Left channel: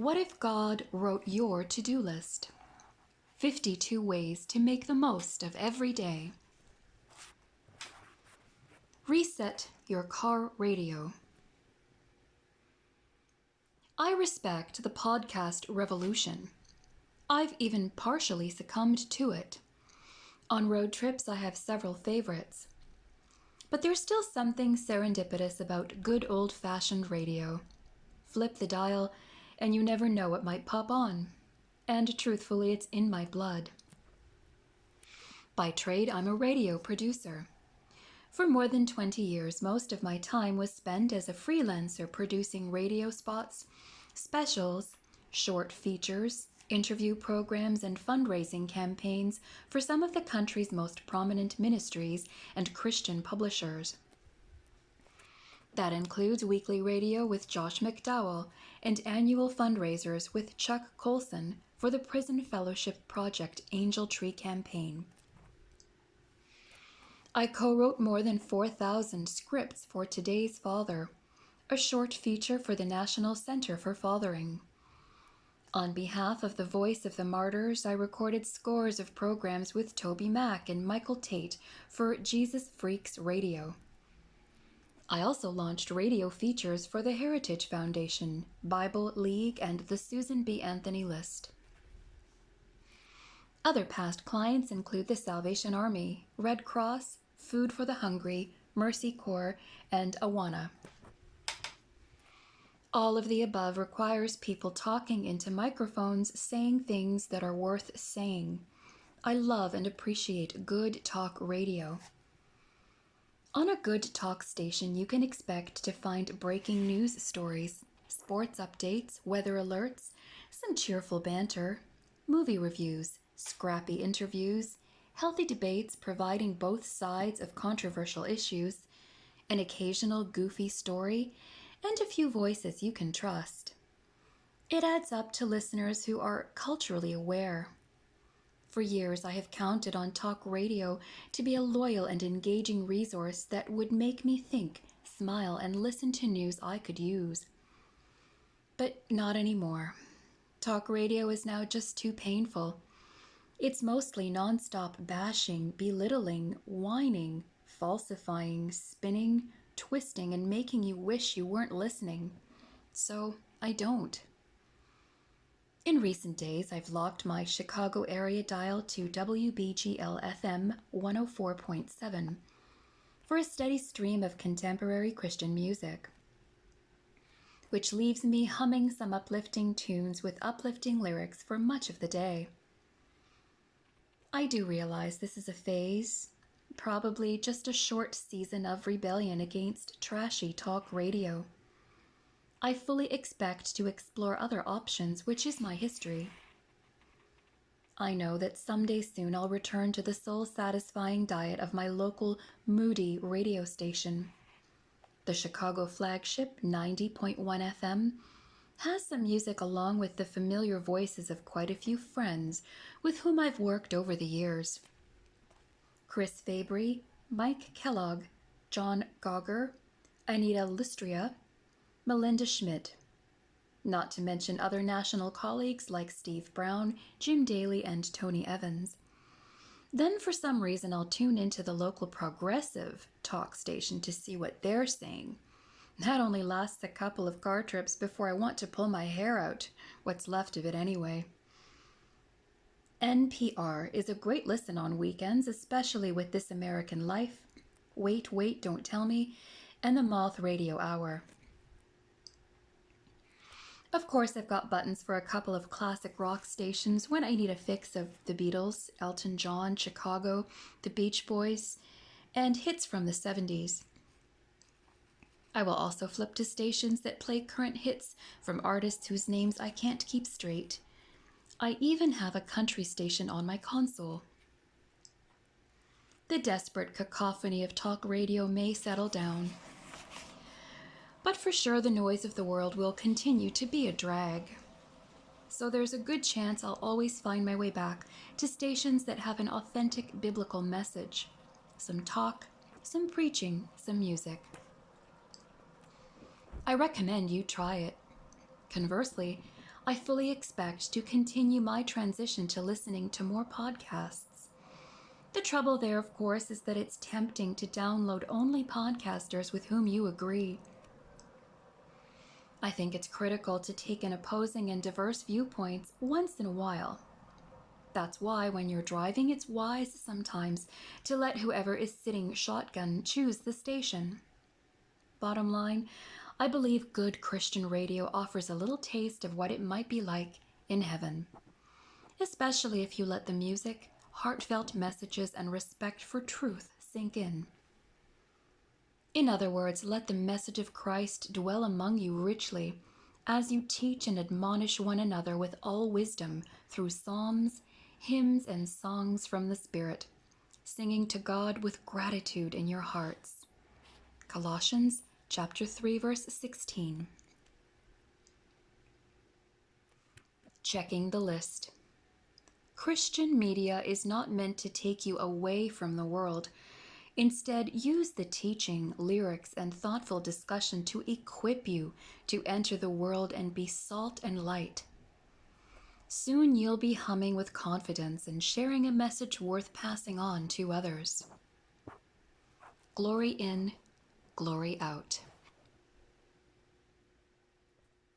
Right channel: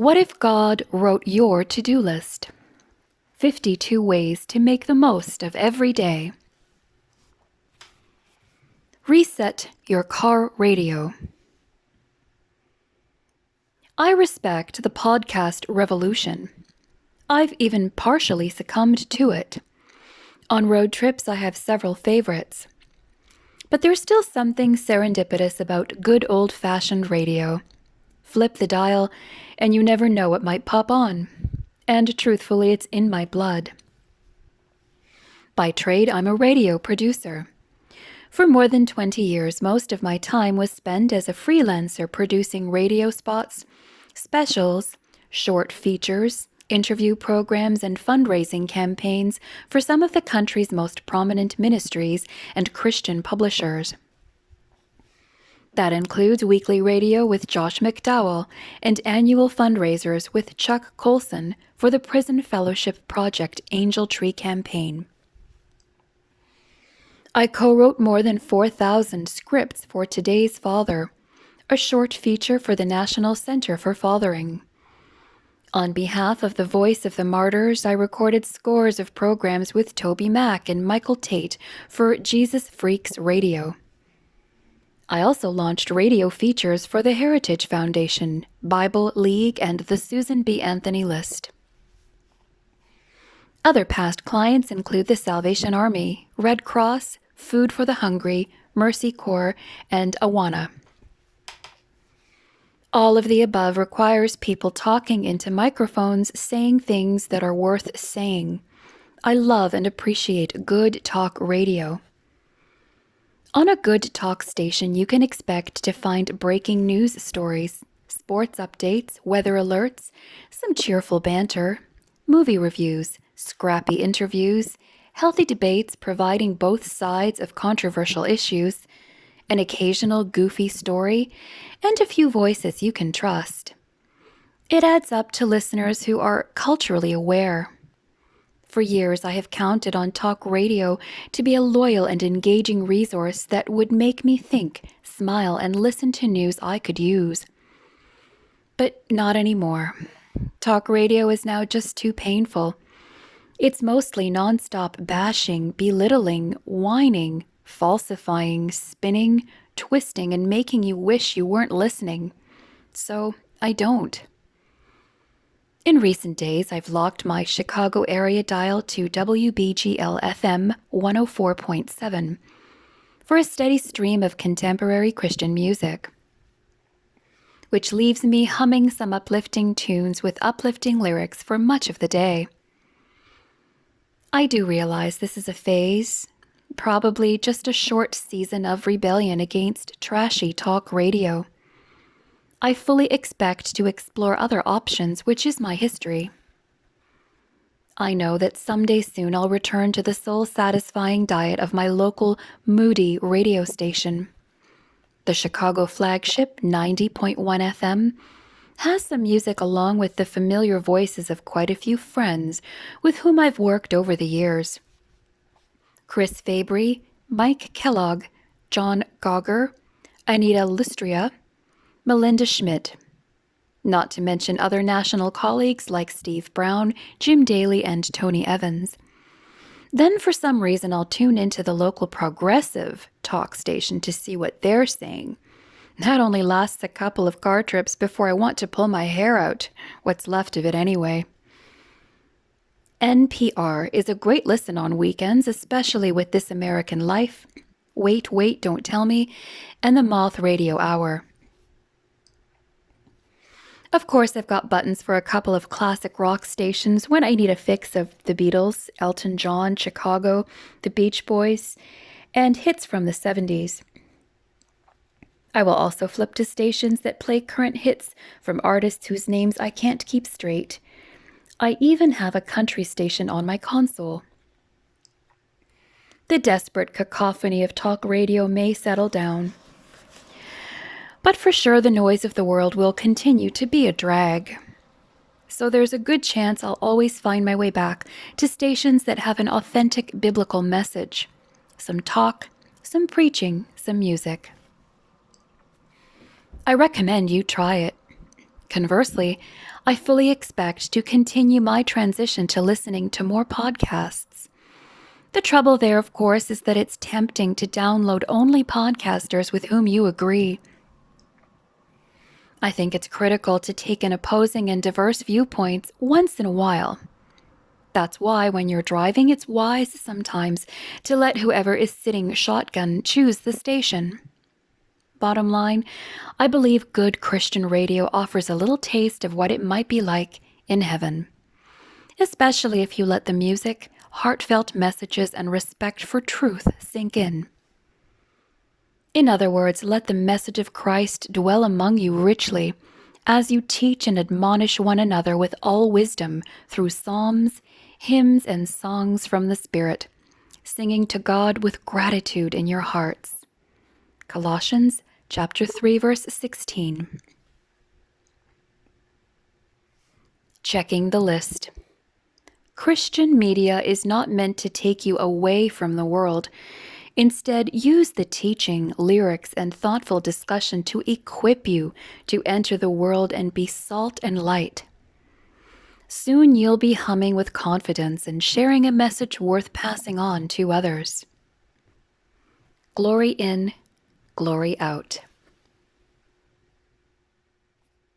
What if God wrote your to-do list? 52 ways to make the most of every day. Reset your car radio. I respect the podcast revolution. I've even partially succumbed to it. On road trips, I have several favorites. But there's still something serendipitous about good old-fashioned radio. Flip the dial, and you never know what might pop on. And truthfully, it's in my blood. By trade, I'm a radio producer. For more than 20 years, most of my time was spent as a freelancer producing radio spots, specials, short features, interview programs, and fundraising campaigns for some of the country's most prominent ministries and Christian publishers. That includes weekly radio with Josh McDowell and annual fundraisers with Chuck Colson for the Prison Fellowship Project Angel Tree Campaign. I co-wrote more than 4,000 scripts for Today's Father, a short feature for the National Center for Fathering. On behalf of the Voice of the Martyrs, I recorded scores of programs with Toby Mack and Michael Tate for Jesus Freaks Radio. I also launched radio features for the Heritage Foundation, Bible League, and the Susan B. Anthony List. Other past clients include the Salvation Army, Red Cross, Food for the Hungry, Mercy Corps, and Awana. All of the above requires people talking into microphones, saying things that are worth saying. I love and appreciate good talk radio. On a good talk station, you can expect to find breaking news stories, sports updates, weather alerts, some cheerful banter, movie reviews, scrappy interviews, healthy debates providing both sides of controversial issues, an occasional goofy story, and a few voices you can trust. It adds up to listeners who are culturally aware. For years, I have counted on talk radio to be a loyal and engaging resource that would make me think, smile, and listen to news I could use. But not anymore. Talk radio is now just too painful. It's mostly nonstop bashing, belittling, whining, falsifying, spinning, twisting, and making you wish you weren't listening. So I don't. In recent days, I've locked my Chicago area dial to WBGL-FM 104.7 for a steady stream of contemporary Christian music, which leaves me humming some uplifting tunes with uplifting lyrics for much of the day. I do realize this is a phase, probably just a short season of rebellion against trashy talk radio. I fully expect to explore other options, which is my history. I know that someday soon I'll return to the soul-satisfying diet of my local moody radio station. The Chicago flagship 90.1 FM has some music along with the familiar voices of quite a few friends with whom I've worked over the years. Chris Fabry, Mike Kellogg, John Gauger, Anita Lustria, Melinda Schmidt, not to mention other national colleagues like Steve Brown, Jim Daly, and Tony Evans. Then for some reason I'll tune into the local progressive talk station to see what they're saying. That only lasts a couple of car trips before I want to pull my hair out, what's left of it anyway. NPR is a great listen on weekends, especially with This American Life, Wait, Wait, Don't Tell Me, and the Moth Radio Hour. Of course, I've got buttons for a couple of classic rock stations when I need a fix of the Beatles, Elton John, Chicago, the Beach Boys, and hits from the 70s. I will also flip to stations that play current hits from artists whose names I can't keep straight. I even have a country station on my console. The desperate cacophony of talk radio may settle down. But for sure, the noise of the world will continue to be a drag. So there's a good chance I'll always find my way back to stations that have an authentic biblical message. Some talk, some preaching, some music. I recommend you try it. Conversely, I fully expect to continue my transition to listening to more podcasts. The trouble there, of course, is that it's tempting to download only podcasters with whom you agree. I think it's critical to take in opposing and diverse viewpoints once in a while. That's why when you're driving, it's wise sometimes to let whoever is sitting shotgun choose the station. Bottom line, I believe good Christian radio offers a little taste of what it might be like in heaven, especially if you let the music, heartfelt messages, and respect for truth sink in. In other words, let the message of Christ dwell among you richly as you teach and admonish one another with all wisdom through psalms, hymns, and songs from the Spirit, singing to God with gratitude in your hearts. Colossians chapter 3, verse 16. Checking the list. Christian media is not meant to take you away from the world. Instead, use the teaching, lyrics, and thoughtful discussion to equip you to enter the world and be salt and light. Soon you'll be humming with confidence and sharing a message worth passing on to others. Glory in, glory out.